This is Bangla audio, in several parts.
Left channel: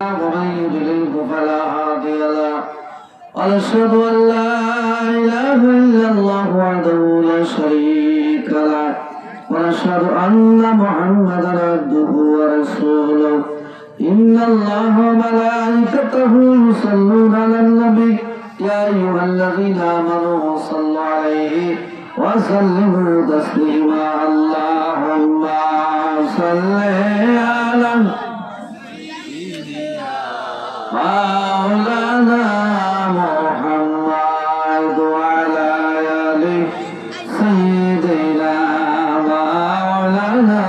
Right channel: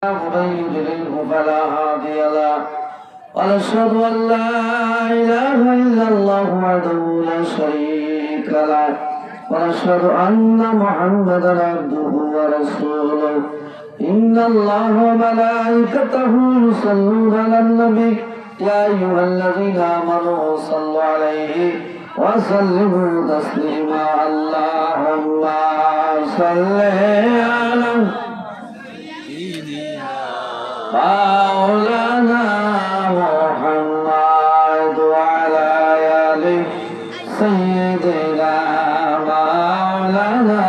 ومن يضلله فلا هادي له ونشهد أن لا إله إلا الله وحده لا شريك له ونشهد أن محمدا عبده ورسوله إن الله وملائكته يصلون على النبي يا أيها الذين آمنوا صلوا عليه وسلموا تسليما اللهم صل على مولانا محمد وعلى آل سيدنا مولانا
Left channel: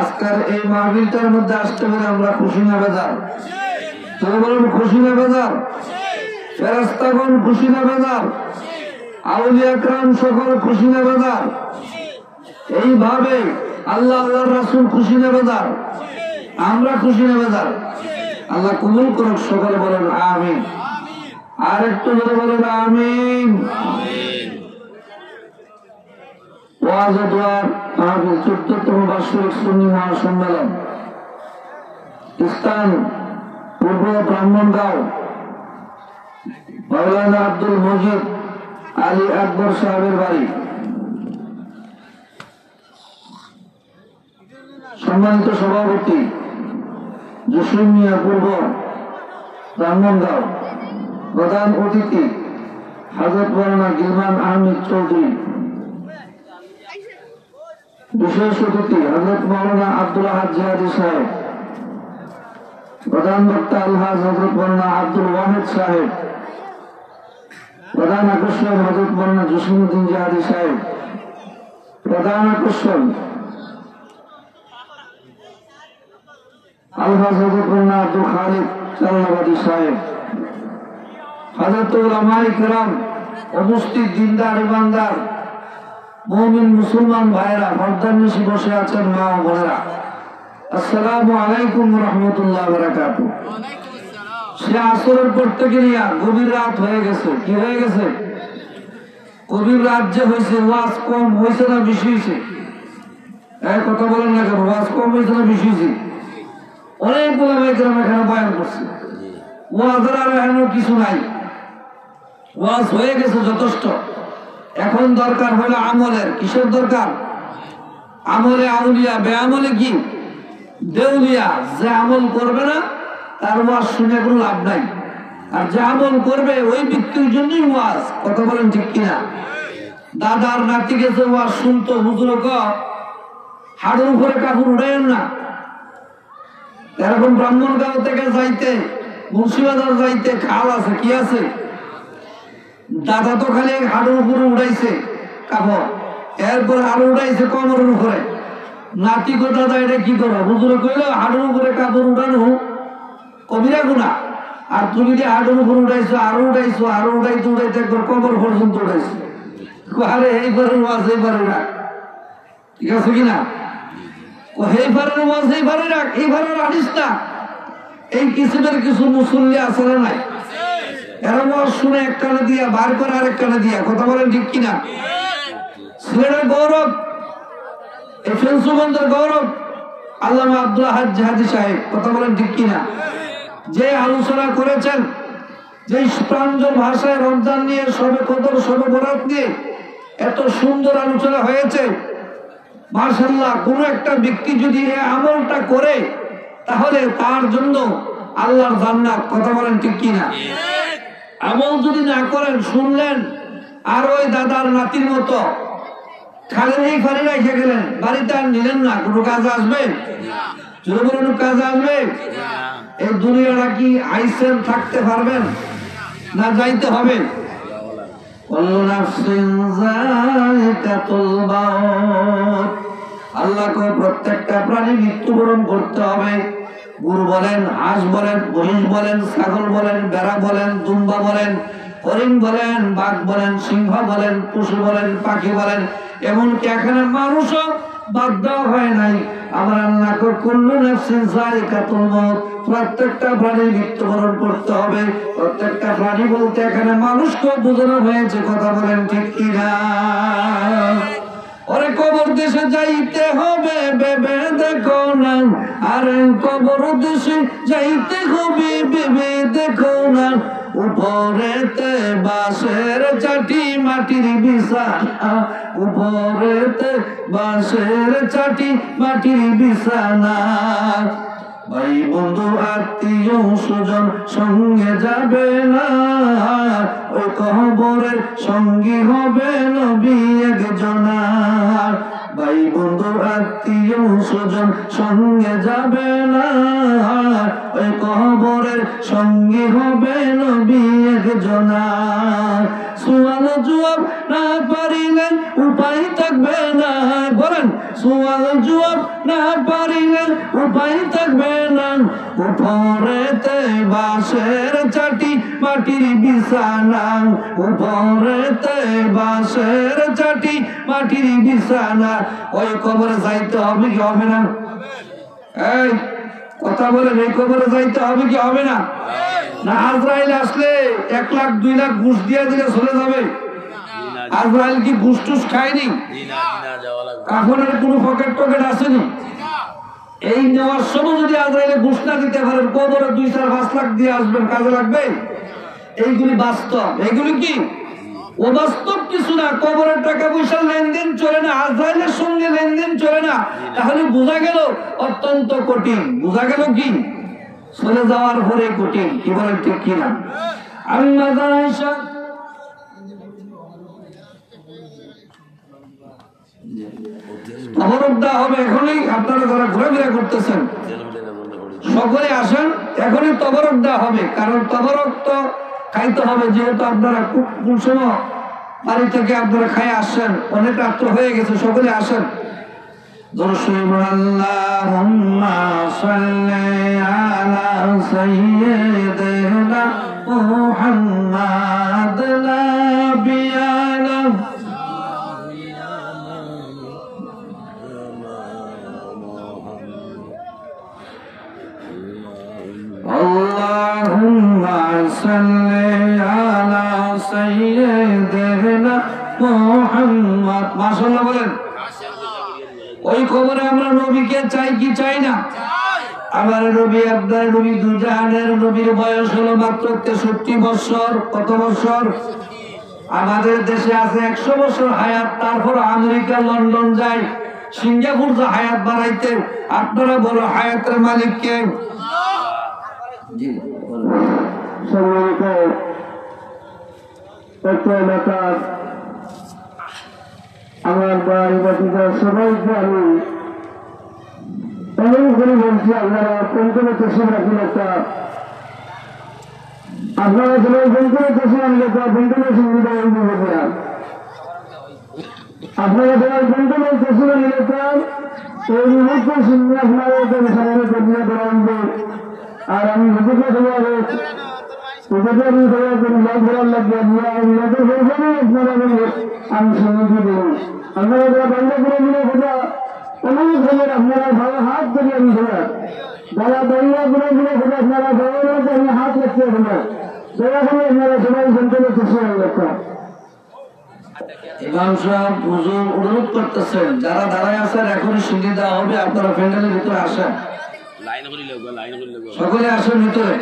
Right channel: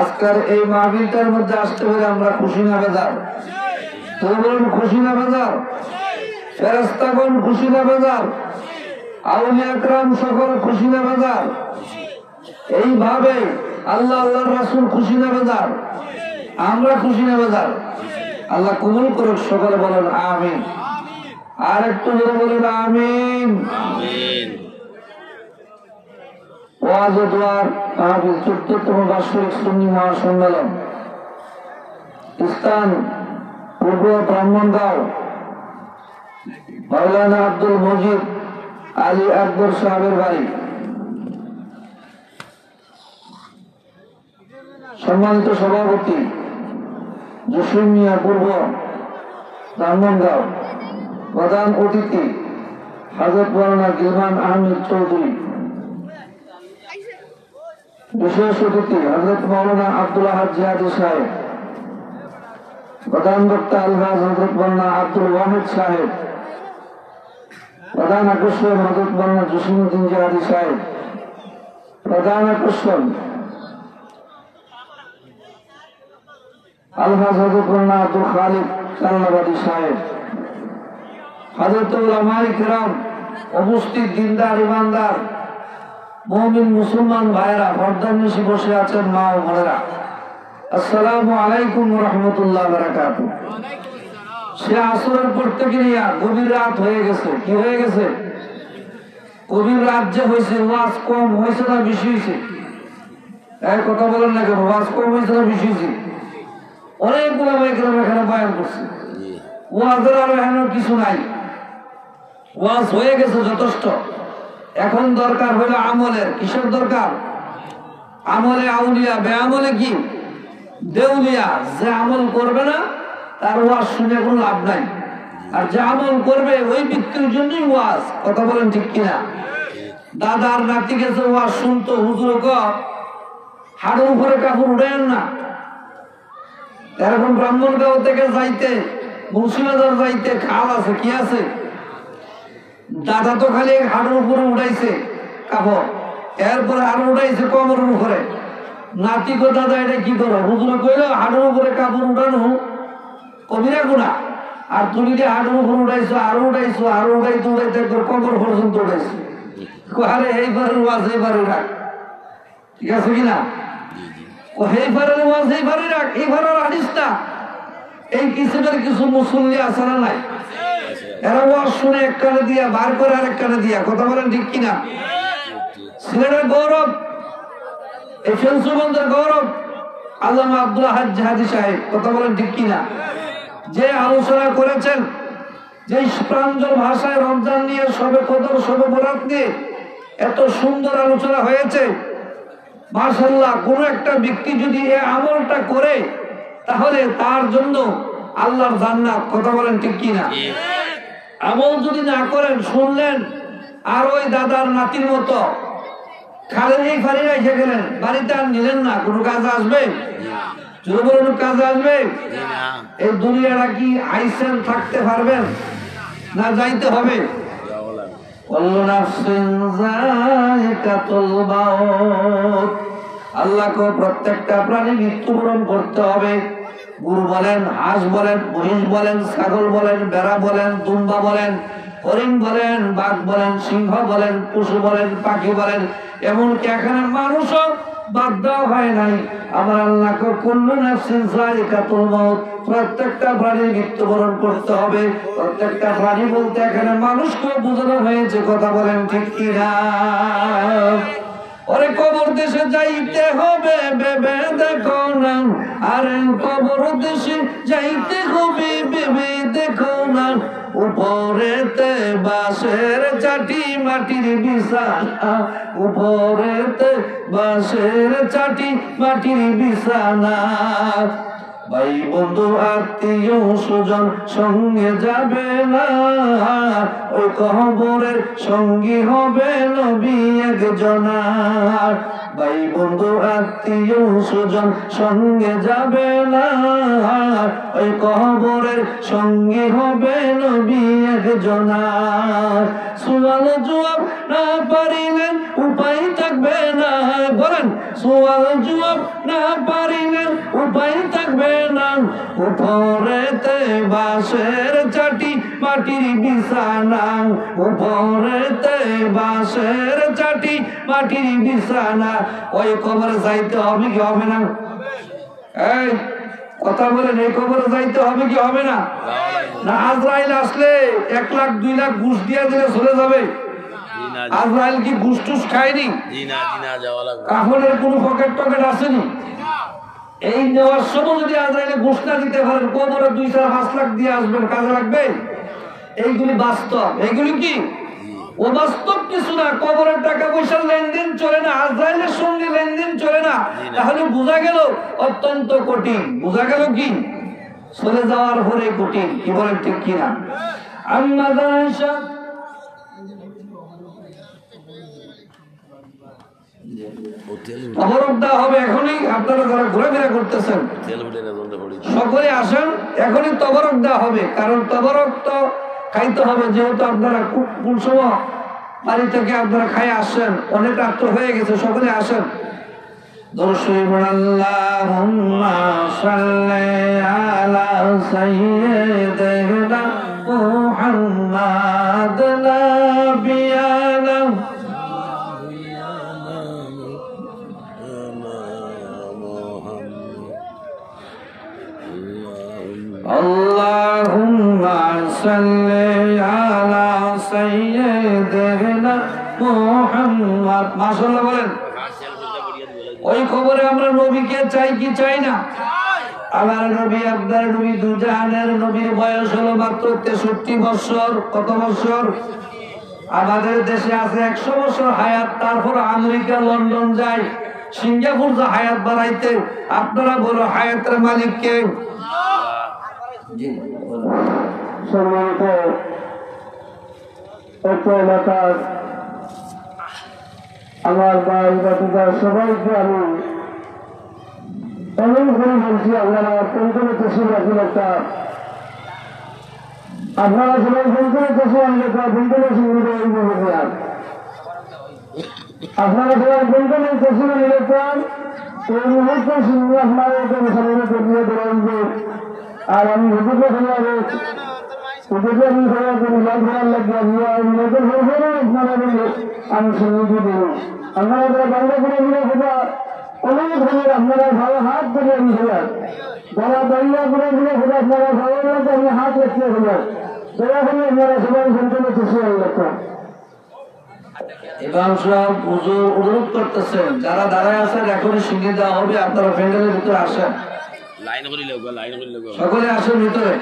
আজকের এই মাহফিলটার মধ্যে আসতে পেরে আমরা খুশি না বেজার? তবে বলুন খুশি না বেজার? ফেরেশতাগণ খুশি না বেজার? আউলিয়া کرام সকল খুশি না বেজার? এইভাবে আল্লাহ আল্লাহর রাসূল খুশি না বেজার? আমরা খুশি না বেজার? আল্লাহ কবুল করুক, সকলে বলেন আমিন। আর একটু জোরে বলেন আমিন। ওয়াজ ও দোয়ার মাহফিল 14তম বার্ষিক সুন্নি মহাসম্মেলন, স্থান পূর্ব ব্রাহ্মণগাঁও, মাওলানা আব্দুল মজিদ আলী আকবর সাহেবের বাড়ি। সম্মানিত সভাপতি জসিম মিয়া পূর্ব ব্রাহ্মণগাঁও, প্রধান অতিথি হযরত মাওলানা গিলমান আহমেদ চৌধুরী, বিশেষ অতিথি হযরত মাওলানা আব্দুল আহাদ জিহাদি সাহেব, প্রধান বক্তা আলহাজ হযরত মাওলানা আব্দুল ওয়াহিদ সাহেব, প্রধান আকর্ষণ হযরত মাওলানা জসিমউদ্দিন জিহাদি সাহেব, প্রধান আকর্ষণ আলহাজ হযরত মাওলানা আব্দুল খালিক চাল্লাবাদী সাহেব, হযরত উলামায়ে কিরাম, উপস্থিত দিনদার ইমানদার মুমিন মুসলমান ভাইরা, পর্দার নিশে বসে আছেন মা ও বোনেরা, আসসালামু আলাইকুম ওয়া রাহমাতুল্লাহি ওয়া বারাকাতুহু। সে আসরের পর থেকে নিয়ে গভীর রাত হয়ে গেছে। কি হয়ে গেছে? গভীর রাত যে হয়েছে, ওয়াজ কম হয়েছে না বেশি হয়েছে? এক কথা বলেন না কেন? ওয়াজ কম হয়েছে না বেশি হয়েছে? অনেক উলামায়ে কিরাম এখানে বয়ান করছে, ওয়াজের আর এখনো কিছু নাই, ওয়াজ হয়ে গেছে যথেষ্ট। এখন দরকার হলো আমলের। কিসের দরকার? আমলে আউলিয়া, বেআমলে কি দেউলিয়া। যে আমল করবে না তার ওয়াজ শুনে কোনো লাভ নাই, আর যে আমল করবে ওই ব্যক্তির জন্যই ওয়াজ। কথা বলেন ঠিক কিনা? দাদার নাতি গেছে ওয়াজ শুনতো, হুজুর হাড়ের উপরে কাপড় উড়াইন না। এরকম ব্রাহ্মণগাঁও থেকে যাইতে মুন্সিবাজার যাইতে খাল আছে, কি আছে? দাদা তো খালি হাড়ের উপরে উড়াইছে কাপড়, এরপরে আরো উড়াইছে কোমরের উপরে। নাতি গো দাদা এটা কি করো? হুজুরে কইল হাড়ের উপরে কাপড় উড়ানো কবিরা গুনাহ, আর তুমি যে হাড়ের উপরে উড়াইছো, আরো উড়াইছো, আরো উড়াইতে উড়াইতে একবার কোমর পর্যন্ত উড়াইছো। আরে এইবারের ওয়াজ এইবারে রাখ, ঠিক আছে কিনা? ও এইবারের ওয়াজ এইবারে রাখ, এইবারের আনিস না। এই কিসিমের কিছু মুসল্লি আছে না নাই? এরা ওয়াজ শুনে এক কানে দিয়া বার করে আরেক কানে দিয়া। কথা বলেন ঠিক কিনা? সিলেটের গৌরব, এই ফেঞ্চুগঞ্জের গৌরব আল্লামা আব্দুল আহাদ জিহাদি সাহেব। কথা বলেন ঠিক কিনা? যে আলোচনা করেছেন, যে প্রাঞ্জল ভাষায় রমজান নিয়ে, শবে কদর, শবে বরাত নিয়ে এত সুন্দর আলোচনা হয়েছে, মাশাআল্লাহ। কোন একটা ব্যক্তি যদি এই আমলটা করে তাহলে তার জন্য আল্লাহর জান্নাত। কথা বলেন ঠিক কিনা? আমল যদি না করেন, শুনলেন আর ওই দাদার নাতির মতো খালের এই ফাড়ি রেখে গেলেন, বাড়িতে আর নিলেন না, কোনো কাজে আসবে? যদি বলুন কাজে আসবে? এই দুনিয়াটা কি আইসেন থাকতে পারবেন না যাইতে হবে? আল্লাহ কো প্রত্যেকটা প্রাণী মৃত্যুবরণ করতে হবে। গরু বলেন, হাঁস বলেন, মহিষ বলেন, ছাগল বলেন, বেড়া বলেন, দুম্বা বলেন, হরিণ বলেন, বাঘ বলেন, সিংহ বলেন, পশু বলেন, পাখি বলেন, এমনকি এখানে মানুষও বাদ দেওয়া হয় নাই। আমার আল্লাহ কো কুল্লু নাফসিন যায়িকাতুল মউত, প্রত্যেকটা প্রাণী মৃত্যুবরণ করতে হবে। প্রত্যেকটা প্রাণী বলতে এখানে মানুষকেও বোঝানো হয়েছে। কথা বলেন ঠিক কিনা? ওরে কবর দেশে যাইতে হবে ভেবে দেখো না, আরে কবর দেশে যাইতে হবে ভেবে দেখো না, উপরেতে বাঁশের চাটি মাটির বিছানা, উপরেতে বাঁশের চাটি মাটির বিছানা। ভাই বন্ধু আত্মীয় সুজন সঙ্গে যাবে না, ওই কবরের সঙ্গী হবে নবী একজনা। ভাই বন্ধু আত্মীয় সুজন সঙ্গে যাবে না, ওই কবরের সঙ্গী হবে নবী একজনা। সুয়াল জবাব না পারিলে উপায় থাকবে না, বলেন সুয়াল জবাব না পারিলে উপায় থাকবে না, উপরেতে বাঁশের চাটি মাটির বিছানা, উপরেতে বাঁশের চাটি মাটির বিছানা। ওই কবরে যাইতে হবে কি হবে না? এই কথা বলেন, এই কবরে যাইতে হবে কি হবে না? না আজরাইল আসলে 1 লাখ 2 লাখ ঘুষ দিয়া দিলে চলে যাবে? আজরাইল কি ঘুষ টুস খায়নি? কাফনের কোনো পকেট টকেট আসেনি? এই নেওয়ার সময় যদি আজরাইলে ঘুষ না দিতে পারেন, কবরে 2-4-5 লাখ দিয়ে আসবেন, কাজে লাগবে? এইগুলি বাস্তব। এইগুলি কি অবাস্তব কিছু না। কবরের টাকা পয়সার লেনদেন চলে না, আজরাইলের সঙ্গে লেনদেন চলে না। তাহলে বোঝা গেল অত্যন্ত কঠিন। বোঝা গেল কি চলে যাওয়ার পরে কঠিন। কি বলেন ঠিক কিনা? আম্মা জানেশা তবরক দেওয়া হবে এখনই। আপনারা যারা ঘোরাফেরা করতেছেন সকলে আসেন, এখনই তবরক দেওয়া হবে। কারণ তবরক তো খাইতে হবে, যেহেতু আপনারা কোন সময় বাড়ি থেকে আপনারা খাই আসছেন, অনেক রাত্র হয়ে গেছে। সকলে আসেন। আল্লাহুম্মা সাল্লি আলা সাইয়্যিদিনা মুহাম্মাদ নাবিয়ানা আল্লাহুম্মা সাল্লি আলা সাইয়্যিদিনা মুহাম্মাদ। মাশাআল্লাহ বলেন। ওই খবরে আমরা নবীকে চাই কি চাই না? আমার নবী, আপনার নবী, দুজাহানের নবীর বয়স হলো মাত্র 63 বছর। কত বছর? আমাদের দেশে আছে 100 বছর হায়াত। তারপর আমেরিকা, লন্ডন যায়, সিঙ্গাপুর যা হায়াত বাড়াইতে। আপনারা বলো হায়াতের মালিক কে? আমার ভাই বাকিরা সবাইকে আমি অনেক করে বলছি, আপনারা কোন কোন তসিব রাখেন একটা, আপনারা সবাই কোন কোন তসিব আনলে একটা বিন্দুলের সুবিধা আপনারা সবাই কোন কোন তসিব নিলে এই মুহূর্তের সঙ্গে আপনারা সামনে করিয়ে দেবেন। আর আমি হুজুরকে সময় হুজুরকে আমি সবাইকে মিলাদ করার লাগবে, আপনারা আমি সঙ্গে দিই। আপনারা যারা বাংলা করে দিলে খোঁজা অনেক ধরনের, আপনারা ভালো হাত থেকে আমি খোঁজা, যারা বাংলা করে দিলে খোঁজা আপনারা সবাই মধ্যে আমি হাত রাখতে খোঁজা, সেরকম আপনারা সবাই সন্তানের খুশি হয়ে যাচ্ছে। ইমাম সাহেব হুজুর অনুরোধ করতেছেন, যারা দাঁড়ায় আছেন এখনই সিঙ্গি দেওয়া হবে, আপনারা প্যান্ডেলের ভিতরে আসেন, সকলে আসেন ভিতরে।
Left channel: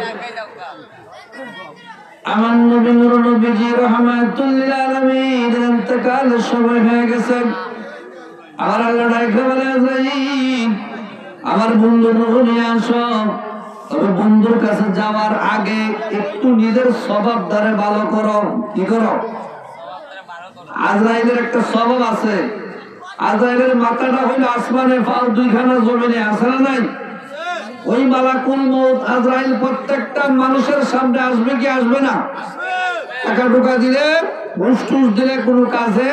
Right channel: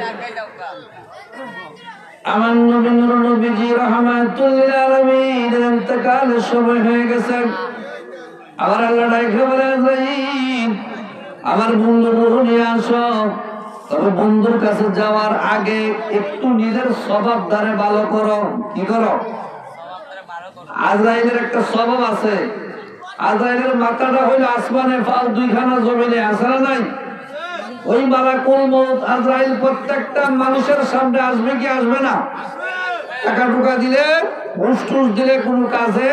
আমার নবী নূর নবীজি রাহমাতুল লিল আলামিন ইন্তেকালের সময় হয়ে গেছে। আমার আল্লাহ ডাইকে বলে, আজরাইল আমার বন্ধু নূর নিয়ে আসো। তবে বন্ধুর কাছে যাওয়ার আগে একটু নিজের স্বভাব দ্বারে ভালো করো। কি করো? আজরাইলের একটা স্বভাব আছে। আজরাইলের মাথাটা হইল আসমানে, পাও 2খানা জমিনে, আছে না নাই? ওই মালাকুল মউত আজরাইল প্রত্যেকটা মানুষের সামনে আসবে কি আসবে না? টাকা ঢোকা দিলে, ঘুষ টুস দিলে কোনো কাজে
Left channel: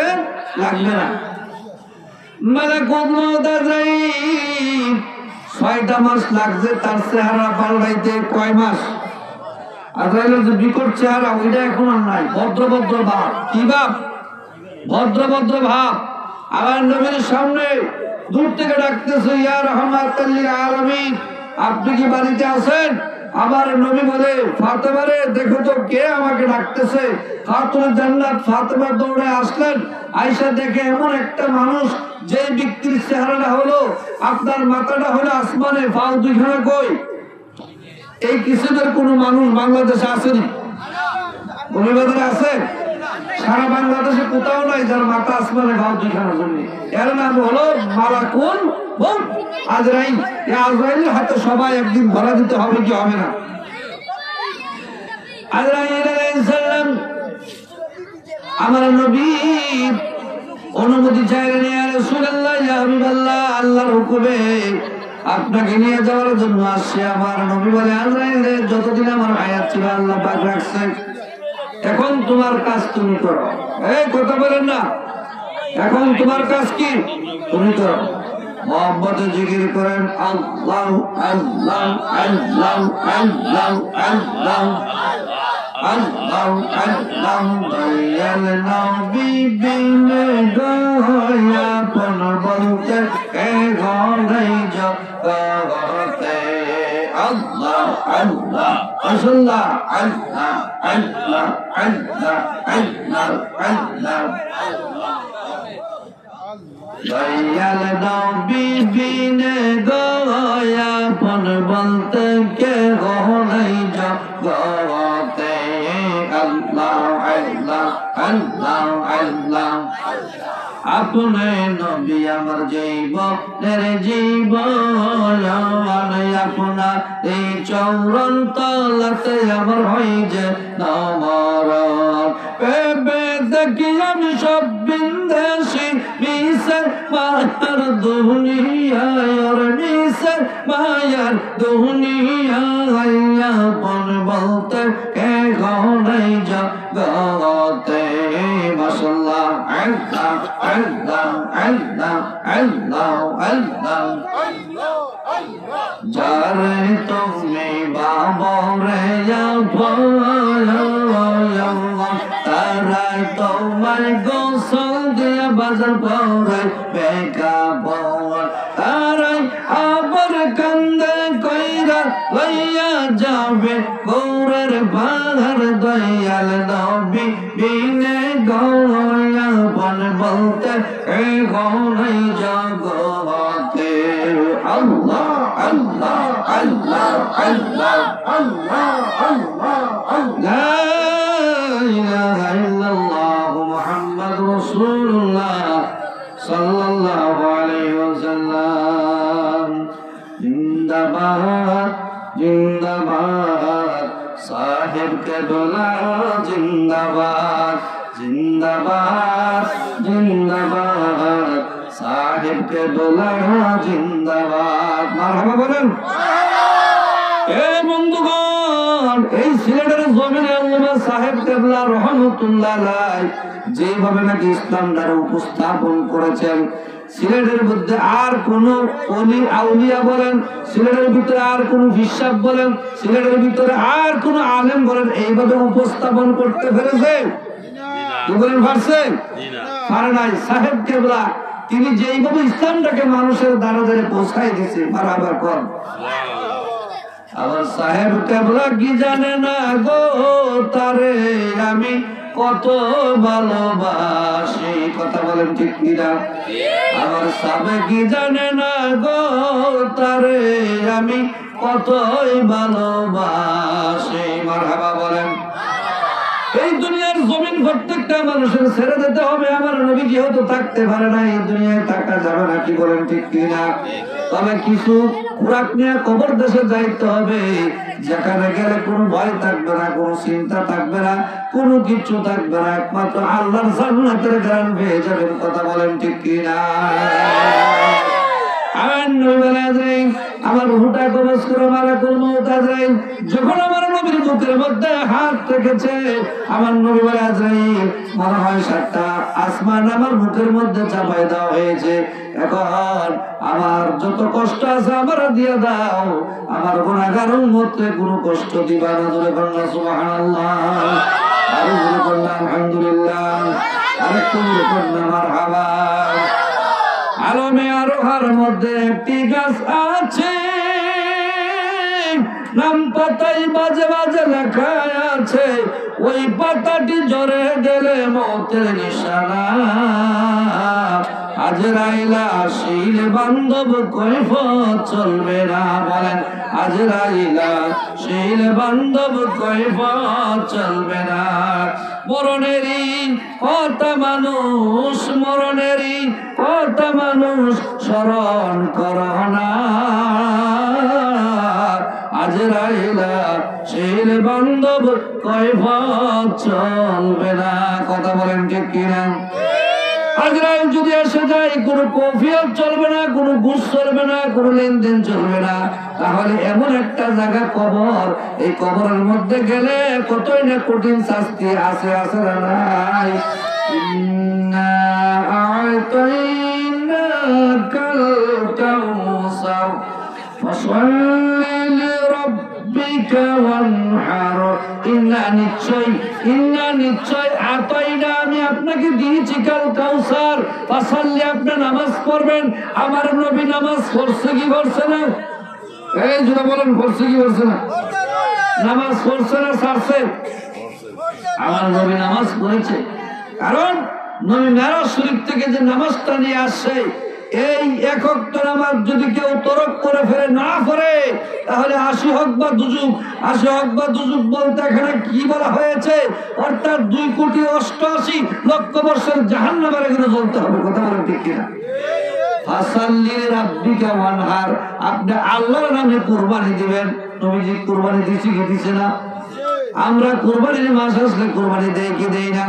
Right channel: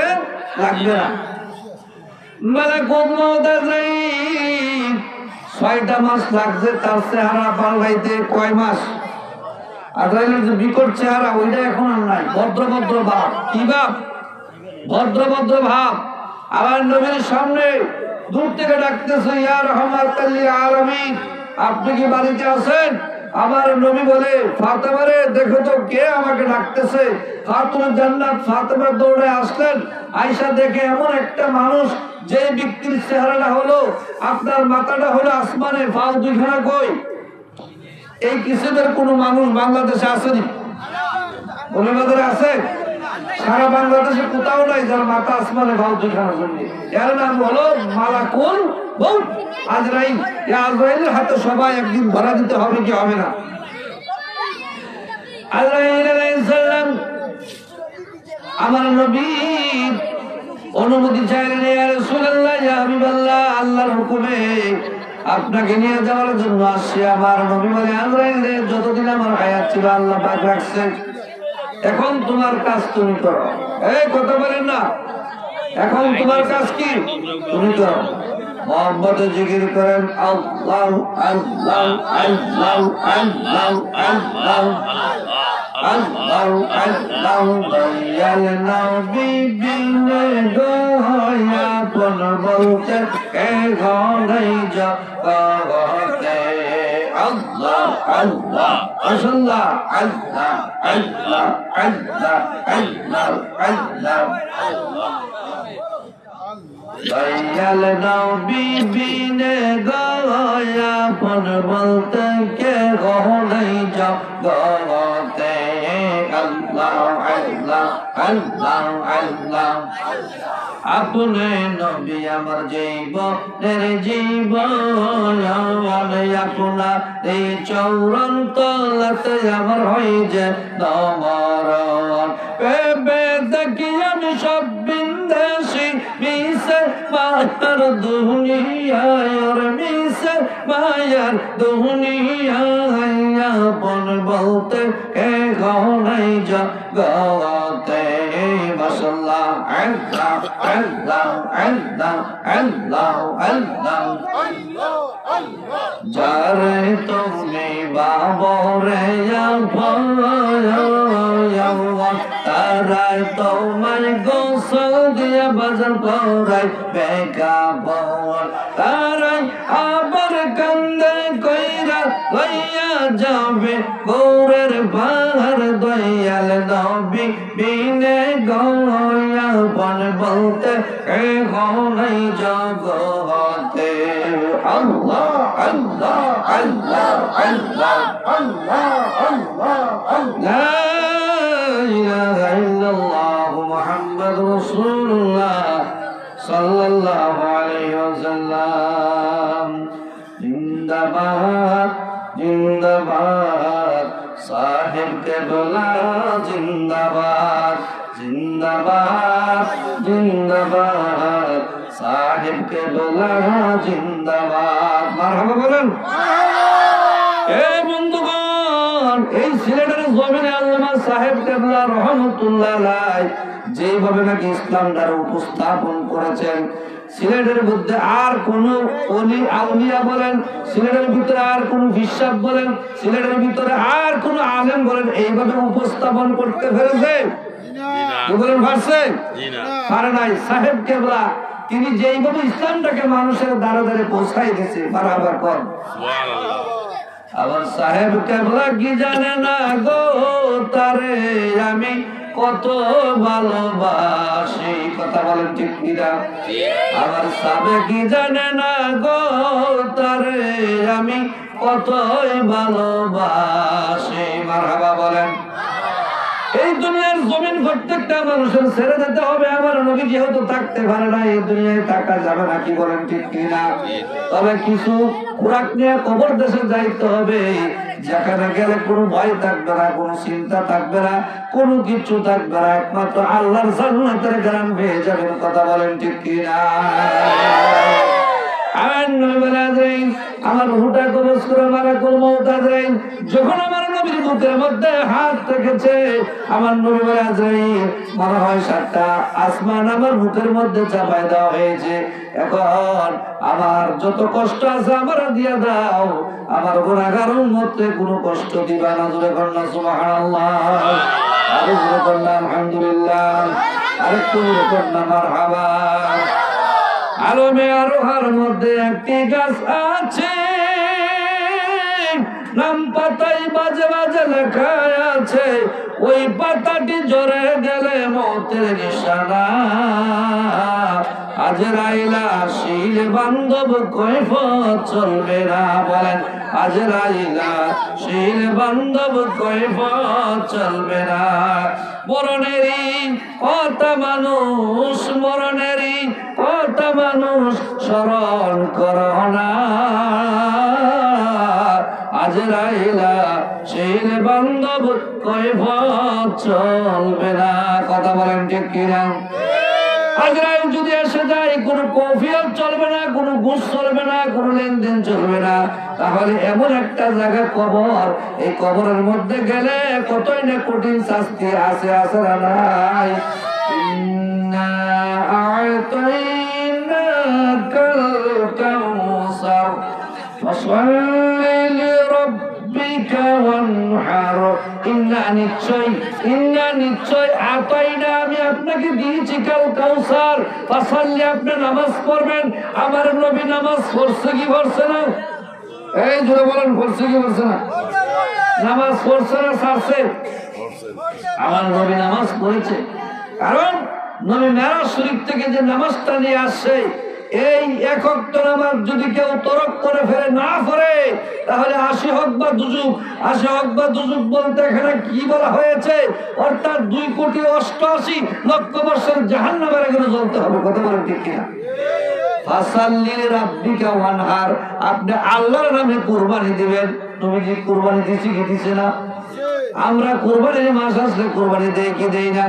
লাগবে না। মালাকুল মউত আজরাইল 6টা মাস লাগছে তার চেহারা পাল্টাইতে। কয় মাস? আজরাইলের যে বিকট চেহারা ওইটা এখন আর নাই। ভদ্র ভাব। কি ভাব? ভদ্র ভাব। আবার নবীর সামনে দূর থেকে ডাকতেছে, ইয়া রাহমাতাল লিল আলামিন, আপনি কি বাড়িতে আছেন? আমার নবী বলে, ফাতেমা রে দেখো তো কে আমাকে ডাকতেছে। খাতুন জান্নাত ফাতেমা দৌড়ে আসলেন। আয়েশা দেখে এমন একটা মানুষ, যে ব্যক্তির চেহারাটা হলো আপনার মাথাটা হলো আসমানে, পাও দুইখানা কই। এই কিসিমের কোন মানুষ বাংলাদেশে আসেনি, বলিবাজারে আছে? সারা বাংলাদেশে কোথাও নাই যার মাথা আসমানে পাও দুইখানা জন্য। এর নাম হলো মালাকুল মউত, আজরাইল। এই আজরাইলের হাতে সবাই একদিন ধরা দিতে হবে, কি হবে না? আজরাইল আলাইহিস সালাম আমার নবী অনুমতি চাইলেন, ইয়া রাসূলুল্লাহ, ইয়া হাবিবাল্লাহ, আল্লাহর হুকুমে আপনাকে নিয়ে যাওয়ার জন্য আসছে। আমার নবী বলে, আজরাইল রে, যতদিন আমার হায়াত ছিল আল্লাহ পাক রাখছে, এখন তোমার কাজ তুমি করো। এই কথা বলেন না, এখন তোমার কাজ কি? তুমি করো। মোহাম্মদে জিকির করেন, আল্লাহ আল্লাহ আল্লাহ আল্লাহ আল্লাহ আল্লাহ আল্লাহ। দয়াল নবী বিনে দয়াপন বলতে এ ঘরেই জগতে। আল্লাহ আল্লাহ আল্লাহ আল্লাহ আল্লাহ আল্লাহ আল্লাহ আল্লাহ। দয়াল নবী বিনে দয়াপন বলতে কে ঘরেই জগতে। আল্লাহ আল্লাহ আল্লাহ আল্লাহ। আপনি নবী আমার জীবনের জীবন, আপনার এই চরণ তলাতে আমার হয়ে যে নমরণ। পেবে দেখি আমি সব বিন্দেশি, মিশে মায়ার দুনিয়ায়, মিশে মায়ার দুনিয়ায়। আপন বলতে কে ঘনাই জগতে। মাশাআল্লাহ, আল্লাহ আল্লাহ আল্লাহ আল্লাহ আল্লাহ। যারে তুমি বাবরে তারাই তোমায় গোসল দিয়া বাজার পড়াই বেকা বল। তারাই আবার কান্দে কইরা লইয়া যাবে গৌরের পাহাড়। দয়াল নবী বিনে গয়াপন বলতে কে ঘনাই জগতে। আল্লাহ আল্লাহ আল্লাহ আল্লাহ আল্লাহ আল্লাহ। লা ইলাহা ইল্লাল্লাহ মুহাম্মাদুর রাসূলুল্লাহ সাল্লাল্লাহু আলাইহি ওয়াসাল্লাম। জিন্দাবাদ জিন্দাবাদ সাহেব কেবলা, জিন্দাবাদ জিন্দাবাদ জিন্দাবাদ সাহেব কেবলা, জিন্দাবাদ। মারহাবা বলেন। এ বন্ধুগণ, এই সিলেটের জমিনে আল্লামা সাহেব কেবলা রহমতুল্লাহ আলাইহি যেভাবে নাকি ইসলামটার উপস্থাপন করেছেন, সিলেটের মধ্যে আর কোন অলি আউলিয়া বলেন, সিলেটের ভিতরে আর কোন বিশ্বাস বলেন, সিলেটের ভিতরে আর কোন আলেম বলেন, এইভাবে উপস্থাপন করতে পেরেছে? কি বলেন, পারছে? পারে নাই। সাহেব কেবলা তিনি যেইভাবে ইসলামটাকে মানুষের দ্বারা দ্বারে পৌঁছাই দিয়েছে, মারহাবা কর। আবার সাহেব কেবলা কি জানে না গো, তারে আমি কত ভালোবাসি। কথা বলেন ঠিক কিনা? আমার সাবে কি জানে না গো, তারে আমি কতই ভালোবাসি। মারহাবা বলেন। এই দুনিয়ার জমিন প্রত্যেকটা মানুষের ছেড়ে দিতে হবে। আমার নবী যেহেতু থাকতে পারে না, এই দুনিয়ায় থাকা যাবে না। কি বলেন ঠিক কিনা? তবে কিছু খুরাক নিয়ে কবর দেশে যাইতে হবে, যেখানে গেলে কোনো ভয় থাকবে না, কোনো চিন্তা থাকবে না, কোনো কিছু থাকবে না, একমাত্র আল্লাহর জান্নাতের গান পেয়ে যাবেন। কথা বলেন ঠিক কিনা? আমার রুহটা কবজ করে মালাকুল মউত আজরাইল যখন আমার নবীর বুকের মধ্যে হাত রেখেছে, আমার নবী বলে, আজরাইল মনে হয় 7টা আসমান আমার বুকের মধ্যে চাপাই দেওয়া হয়েছে। এখন আমার যত কষ্ট আছে আমার দিয়ে দাও, আমার গুনাহগার উম্মতকে কোনো কষ্ট দিবা না। জোরে বলনা সুবহানাল্লাহ, আরো জোরে বলনা আলহামদুলিল্লাহ, আরেকটু জোরে বলনা মারহাবা। আলমে আরোহার মধ্যে একটি গাছ আছে, নাম পাতাই বাজে বাজে লেখা আছে, ওই পাতাটি ঝরে গেলে মতের নিশানা। আজরাইলা শিলে বান্ধব কৈফত চলবে না, বলেন আজরাইলা শিলে বান্ধব কৈফত চলবে না। মরণেরই কথা মানুষ, মরণেরই কথা মানুষ স্মরণ করো না। আজরাইলা শিলে বান্ধব কৈফত চলবে না। কথা বলেন ঠিক কিনা? আজরাইল যদি এসে যায়, কোনো কফিয়ত চলবে না, কোনো ঘুষ চলবে না, কোনো লেনদেন চলবে না। তাহলে এমন একটা জায়গা কবর, এই কবরের মধ্যে গেলে কতই না কঠিন শাস্তি আছে, আছে না নাই? ইন্না আ'তাইনাকাল কাউসার ফাসাল্লি লিরাব্বিকা ওয়ানহার। ইন্না নিশ্চয় আতাইনা আমি আপনাকে দিয়েছি কাল কাউসার, ফাসাল্লি আপনি নামাজ পড়বেন। আমার নবী নামাজ পড়ছে কি পড়ছে না? এই জোরে বলেন, পড়ছে কি পড়ছে না? নামাজ পড়ছে না ছাড়ছে? আমার নবী নামাজ পড়েছে, কারণ নবী মেরাজ শরীফ থেকে যে নামাজটা নিয়ে আসছে, এই এক ওয়াক্ত নামাজ যদি কেউ তরক করে ফেলে, না পড়ে, তাহলে 80 হক বা দুজুক। 80 হক বা দুজুক বলতে এখানে কি বলা হয়েছে? অর্থাৎ 2,88,00,000 বছর জাহান্নামের আগুনে জ্বলতে হবে। কথা বলেন ঠিক কিনা? ফাসাল্লি রাব্বিকা ওয়ানহার, আপনি আল্লাহর নামে কুরবানি দিবেন। নবীজি কুরবানি দিয়েছে কি দিছে না? আমরা কুরবানির মাস আসলে কুরবানি দেই কি দেই না?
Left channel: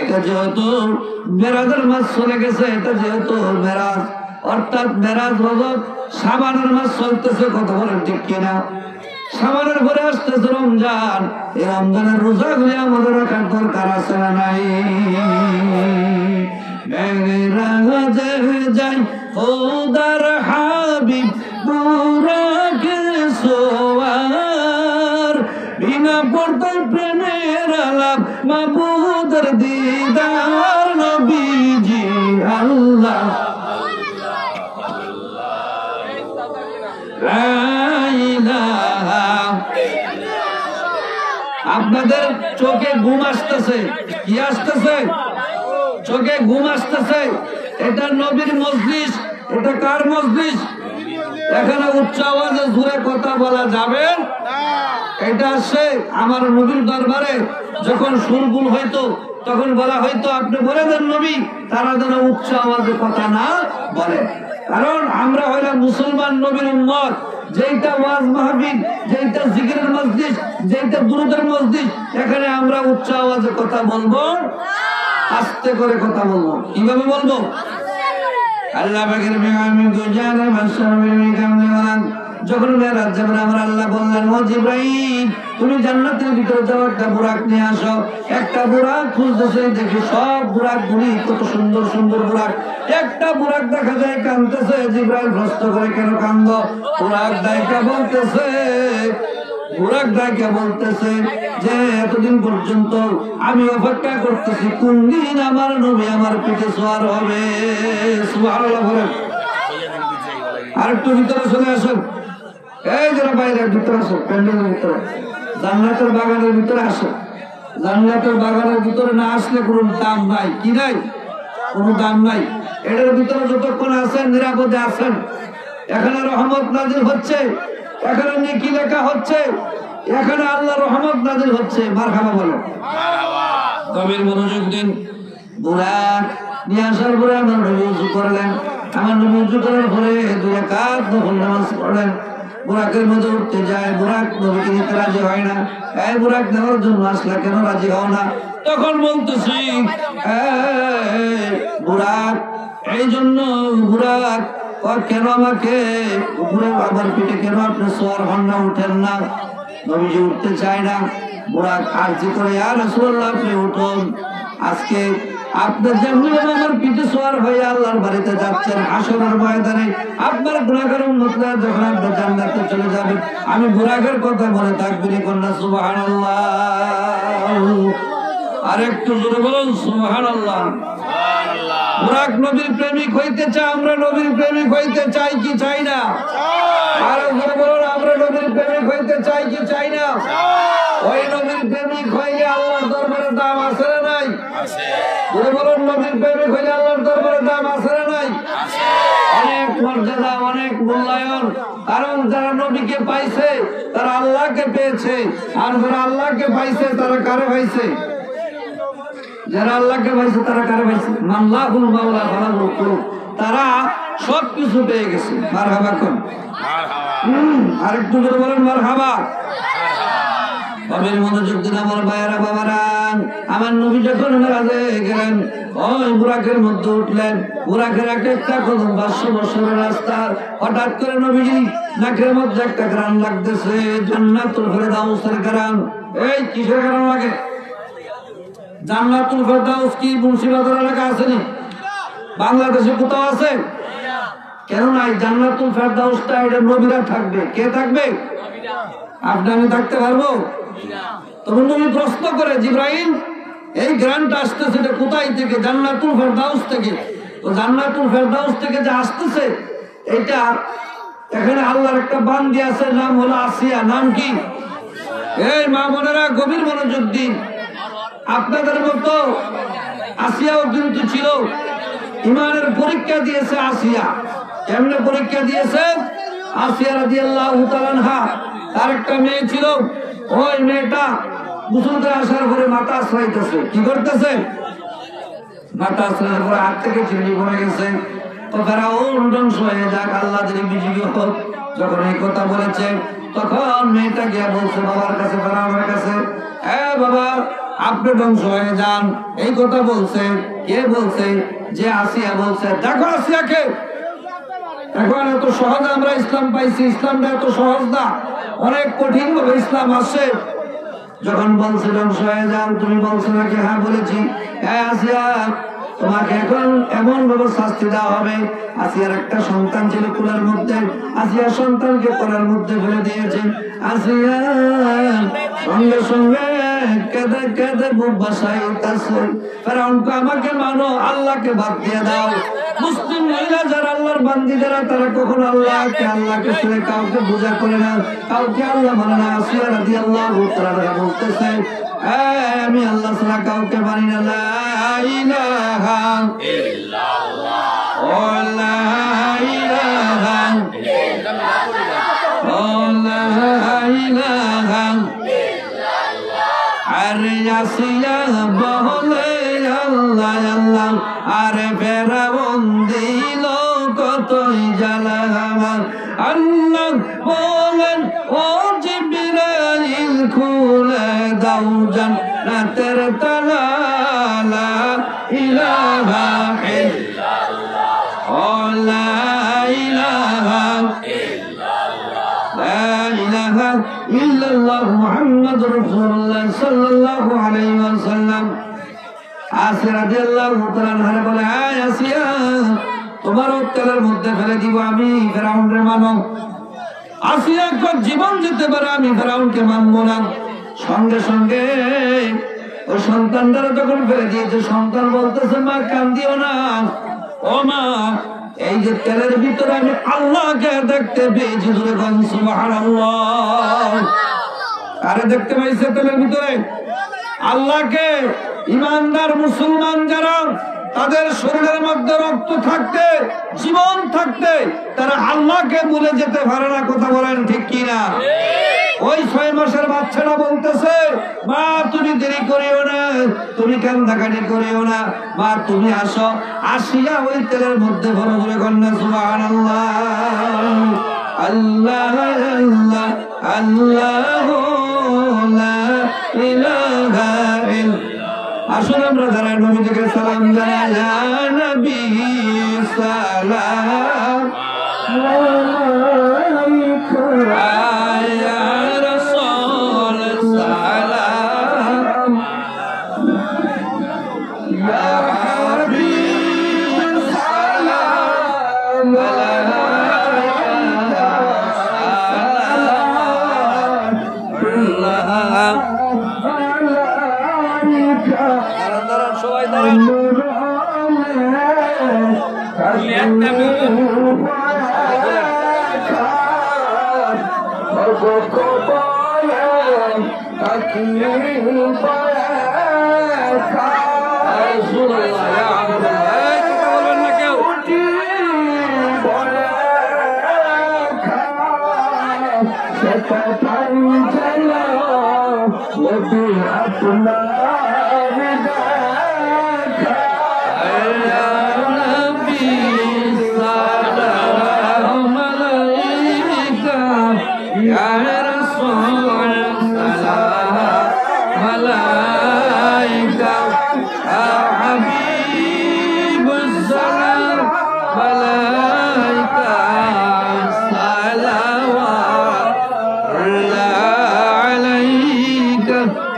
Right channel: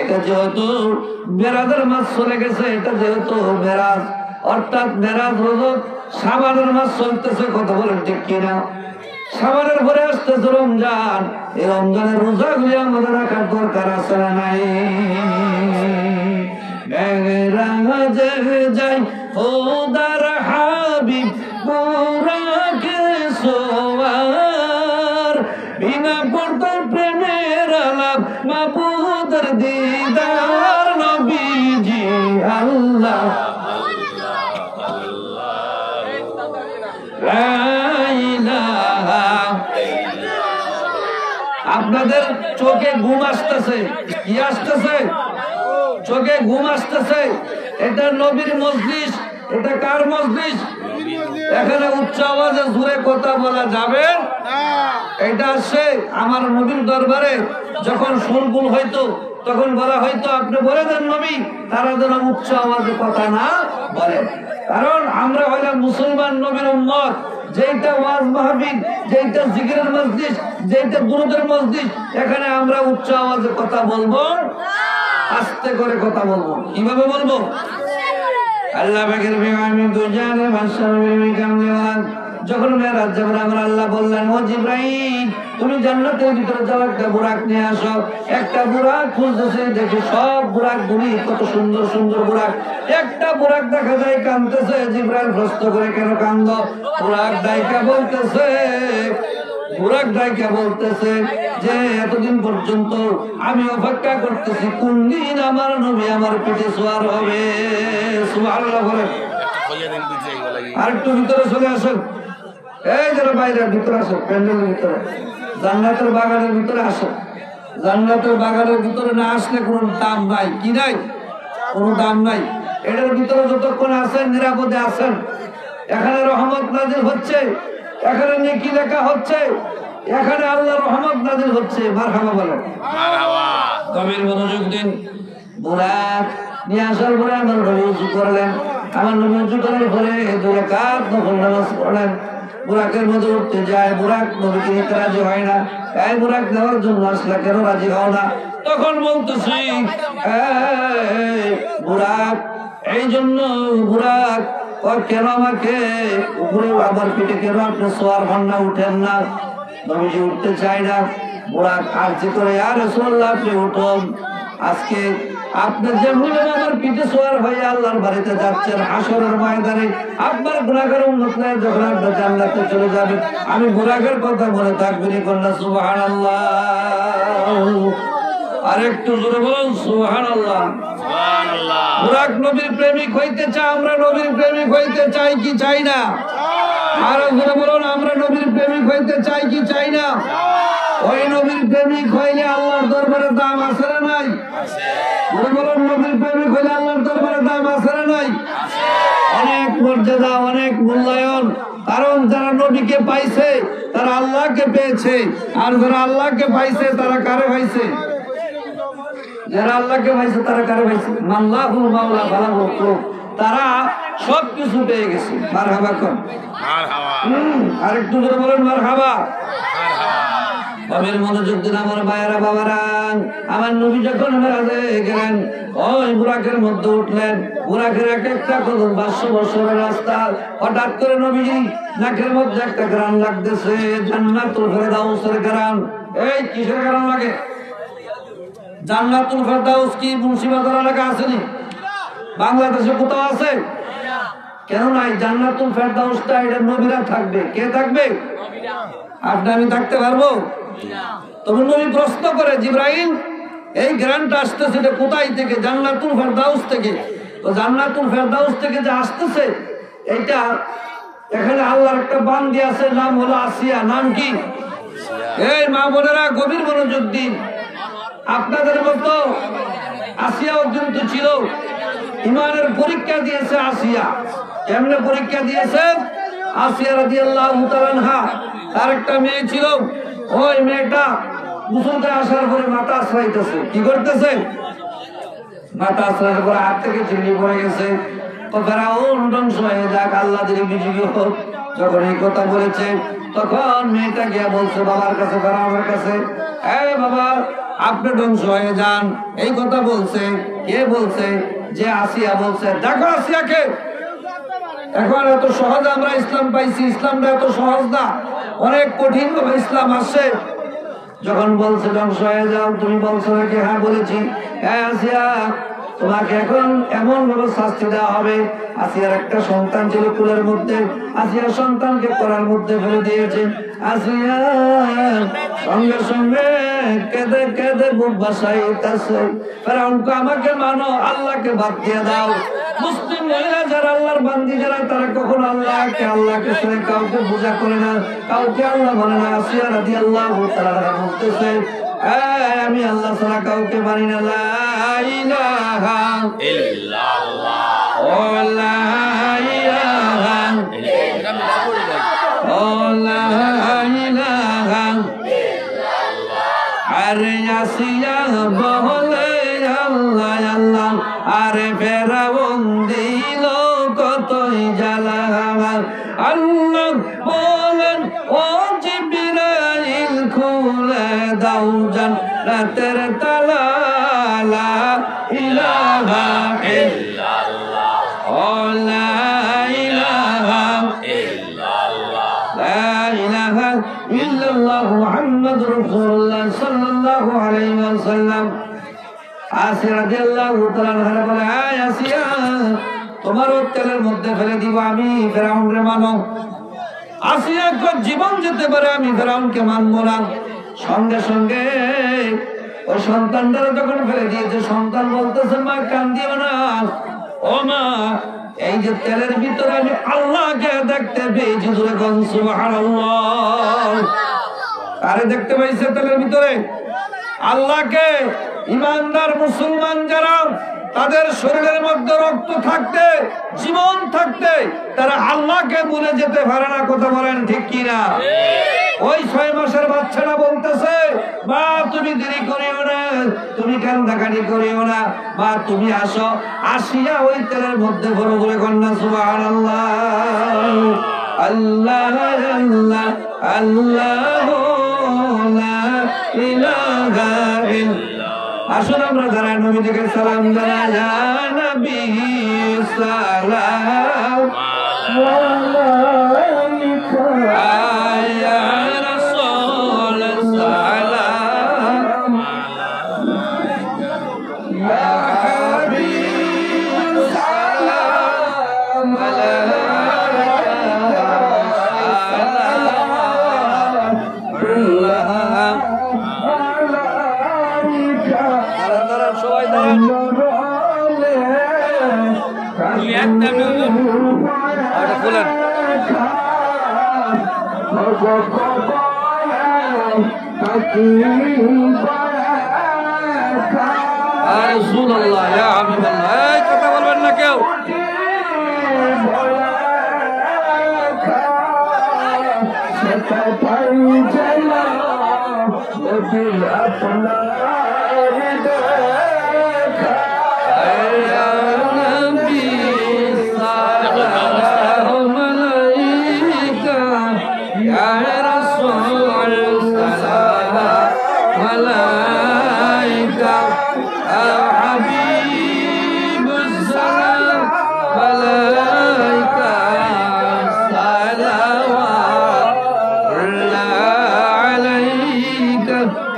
এটা যেহেতু মেরাজের মাস চলে গেছে, এটা যেহেতু মেরাজ, অর্থাৎ মেরাজ রজব শাবানের মাস চলতেছে। কথা বলেন ঠিক কিনা? শাবানের পরে আসতেছে রমজান। এই রমজানের রোজাগুলি আমাদের রাখার দরকার আছে না নাই? মেরাজে যাই খোদার হাবিব বুরাকে সোয়ার, বিনা পর্দায় প্রেমের আলাপ মাবুদের দিদার। নবীজি আল্লাহ আপনাদের চোখে ঘুম আসতেছে, কি আসতেছে? চোখে ঘুম আসতেছে। এটা নবীর মজলিস। এটা কার মজলিস? এখানে উচ্চ আওয়াজে জোরে কথা বলা যাবে? এটা আসছে আমার নবীর দরবারে যখন সুরগুল হইতো, তখন বলা হইতো আপনি বলে দেন নবী, তারা যেন উচ্চ আওয়াজে কথা না বলে। কারণ আমরা হইলাম মুসলমান নবীর উম্মত। যেইটা ওয়াজ মাহফিল, যেইটা জিকিরের মজলিস, যেইটা দুরূদের মজলিস, এখানে আমরা উচ্চ আওয়াজে কথা বলবো, আস্তে করে কথা বলবো। কিভাবে বলবো? আল্লাহ পাকের বিমানে দুজানে মাশাআল্লাহ বিকামে ওয়ান। যখন মেরাজ যাবেন, আমার আল্লাহ বললেন, ও জিবরাইল, তুমি জান্নাতের ভিতরে যাও, একটা বুরাক নিয়ে আসো। একটা বুরাক খুঁজতেছে, দেখি সব বুরাক গুলি কত সুন্দর সুন্দর বুরাক। একটা বুরাক দেখা যায় কাঁদতেছে। জিবরাইল প্রশ্ন করে, কেন কান্দ? বুরাক ডাইকা বলতেছে, বুরাক ডাইকা বলতেছে যে এতদিন পর্যন্ত আমি অপেক্ষা করতেছি কোন দিন আমার নবী আমার পিঠে সওয়ার হবে। সুবহানাল্লাহ বলেন। আরেকটু ভিতরে চলে আসেন, এই যারা বাইরে ভিতরে আসো, প্যান্ডেলের ভিতরে, জান্নাতের বাগানের ভিতরে আসো। জান্নাতের বাগানের ভিতরে না আসলে কোনো দাম নাই। কি নাই? কোনো দাম নাই। এটার ভিতরে যতক্ষণ আছেন নিরাপদে আছেন। এখানে রহমত নাজিল হচ্ছে, এখানে নেকি লেখা হচ্ছে, এখানে আল্লাহর রহমত নাজিল হচ্ছে। মারহাবা বলো। গভীর মনোযোগ দিন। বুরাক নিয়ে আসার পরে আমার নবী উযু করলেন। আমার নবী উযু করার পরে 2 রাকাত নফল নামাজ পড়লেন। বুরাকের মধ্যে উঠতে যায়, বুরাক নবীকে নিতে রাজি হয় না। এই বুরাক নেওয়ার জন্য আসলে কেন রাজি হও না? তখন বলতেছি, বুরাক, এই জন্য বুরাক কেন আমাকে উপরে আমার পিঠে কেন আপনি সওয়ার হন না, উঠেন না? নবীজি উঠতে চায় না। বুরাক আরজি করে, ইয়া রাসূলুল্লাহ আপনি উঠুন। আজকে আপনি যেমনি আমার পিঠে সওয়ার হয়ে আল্লাহর বাড়িতে যাচ্ছেন, হাসরের ময়দানে আপনার গুনাহগার উম্মতরা যখন আপনি জান্নাতে চলে যাবেন, আমি বুরাকের কথা মনে থাকবেনি। কন্যা সুবহানাল্লাহ। আরেকটু জোরে বলুন সুবহানাল্লাহ। বুরাক নবীর প্রেমিক হইতে চাই, আমরা নবীর প্রেমিক হইতে চাই কি চাই না? আর ওখানে বলুন আমরা নবীর প্রেমিক হইতে চাই কি চাই না? ওই নবীর প্রেমিক হইলে আল্লাহর দরবারে দাম আছে না নাই? বলুন নবীর প্রেমিক হইলে আল্লাহর দরবারে দাম আছে না নাই? অনেক মর্যাদা, অনেক মূল্যায়ন। কারণ যারা নবীকে পাইছে তারা আল্লাহকে পেয়েছে, আর যারা আল্লাহকে পাইছে তারা কারো হয়েছে। যারা আল্লাহকে পাইছে তারা কারো হয়েছে, মাল্লাহুল মাওলা ফালাহুল মাকরুহ, তারা সবকিছু পেয়ে গেছে। মারহাবা কর, আরেকটু করে বলেন মারহাবা। কবের মনোযোগ দিন আমার মায়েরা বাবারা। আমার নবী যখন মেরাজে গেলেন, ওই বুরাকের মধ্যে উঠলেন। বুরাকের এক একটা কদম 500 বছরের রাস্তা। হঠাৎ করে নবীজি নাকের মধ্যে একটা গ্রাম লাগতেছে, জান্নাতুল ফেরদাউসের গ্রাম। এই কিসের গ্রাম লাগে? জান্নাতুল ফেরদাউস কি মুন্সিবাজার এলাকা আসেনি? বাংলাদেশে কোথাও আছে? কেন নাই? জান্নাতুল ফেরদাউসটা এটা নবীরা থাকবে। কে থাকবে? আপনি আমি থাকতে পারবো? তখন নবী প্রশ্ন করে, জিবরাইল এই গ্রামটা আসতেছে কোথায় থেকে? জান্নাতুল ফেরদাউস থেকে। তো জান্নাতুল ফেরদাউস থেকে যে আসতেছে, এটা এখানে আল্লাহর একটা বান্দি আছে, নাম হলো আসিয়া। নাম কি? এই মা বোনেরা গভীর মনোযোগ দিন। আপনাদের মতো আসিয়াও কিন্তু ছিল, ইমানের পরীক্ষা দিয়েছে আসিয়া। কেমনে পরীক্ষা দিয়েছে? আসিয়া রাদিয়াল্লাহু তাআলা আনহা, তার একটা মেয়ে ছিল। ওই মেয়েটা গোসল করে আসার পরে মাথা আশ্রাইতেছে। কি করতেছে? মাথা আশ্রাইতে পরে হাত থেকে চিনি পড়ে গেছে। তো ফেরাউন ধ্বংস হয়ে যাক, আল্লাহ যদি বিজয়ী হোক। যখন এই কথা বলেছে তখন মেয়েটা গিয়ে বলছে বাবার কাছে, ফেরাউনের কাছে, বাবা আপনি ধ্বংস হয়ে যান। এই কথা বলছে। কে বলছে? যে আসিয়া বলছে। দেখো আসিয়াকে, এখন এত সহজ আমরা ইসলাম পাইছি, ইসলামটা এত সহজ না, অনেক কঠিন ভাবে ইসলাম আসছে। যখন বলছে ধ্বংস হয়ে যাও, তুমি বলছো নাকি? হ্যাঁ বলেছি। আসিয়া তোমাকে এখন এমন ভাবে শাস্তি দেওয়া হবে। আসিয়ার একটা সন্তান ছিল কুলের মধ্যে, আসিয়ার সন্তানকে কোলের মধ্যে ফেলে দিয়েছে। আসিয়া সঙ্গে সঙ্গে কেঁদে কেঁদে বুক বাসাইতেছে, ফেরাউনকে আমাকে মানো, আল্লাহকে বাদ দিয়ে দাও। মুসলিম মহিলা যারা আল্লাহর বান্দি যারা, তারা কখনো আল্লাহকে ছেড়ে কাউকে পূজা করে না, কাউকে আল্লাহ বলে না। আসিয়া রাদিয়াল্লাহু তাআলা বলতেছে, আমি আল্লাহ ছাড়া কাউকে মানি না। লা ইলাহা ইল্লাল্লাহ, ও লা ইলাহা ইল্লাল্লাহ, ও লা ইলাহা ইল্লাল্লাহ। আরে আসিয়া বলে আল্লাহ আল্লাহ, আরে ফেরাউন দিল কতই জ্বালা। আল্লাহ বলেন, ও জিবরাইল খুলে দাও জান্নাতের তালা। লা ইলাহা ইল্লাল্লাহ, ও লা ইলাহা ইল্লাল্লাহ, লা ইলাহা ইল্লাল্লাহ মুহাম্মাদুর রাসূলুল্লাহ সাল্লাল্লাহু আলাইহি ওয়াসাল্লাম। আসিয়া রাদিয়াল্লাহু তাআলা আনহা বলে, আসিয়া তোমারও তেলের মধ্যে ফেলে দিব আমি, ফেরাউনকে মানো। আসিয়া জীবন যেতে পারে, আমি ফেরাউনকে মানবো না। সঙ্গে সঙ্গে ওই সন্তানটারা যখন ফেলে দিয়েছে, সন্তান বলতেছে, মা কান্দিও না। ও মা, এই যে তেলের ভিতরে আমি আল্লাহকে দেখতে পেয়েছি। জোরে বলুন সুবহানাল্লাহ। আরে দেখতে পাইছে তেলের ভিতরে আল্লাহকে। ইমানদার মুসলমান যারা, তাদের শরীরের মধ্যে রক্ত থাকতে, জীবন থাকতে, তারা আল্লাহকে ভুলে যেতে পারে না। কথা বলেন ঠিক কিনা? ওই 6 মাসের বাচ্চাটা বলতেছে, মা তুমি দেরি করিও না, তুমি কান্দাকাটি করিও না, মা তুমি আসো। আসিয়া ওই তেলের মধ্যে বড় করে কন্যা সুবহানাল্লাহ, আল্লাহ আল্লাহ আল্লাহ লা ইলাহা ইল্লাল্লাহ। আসুন আমরা যারা নবী থেকে সালাম জানাই, ইয়া নবী সালাম আলাইকা, ইয়া রাসূল সালাম, ইয়া হাবিব সালাম আলাইকা, সালাম। দাঁড়ান সবাই দাঁড়ান। রাসূলুল্লাহ ইয়া হাবিবাল্লাহ এই কথা বলবেন না কেউ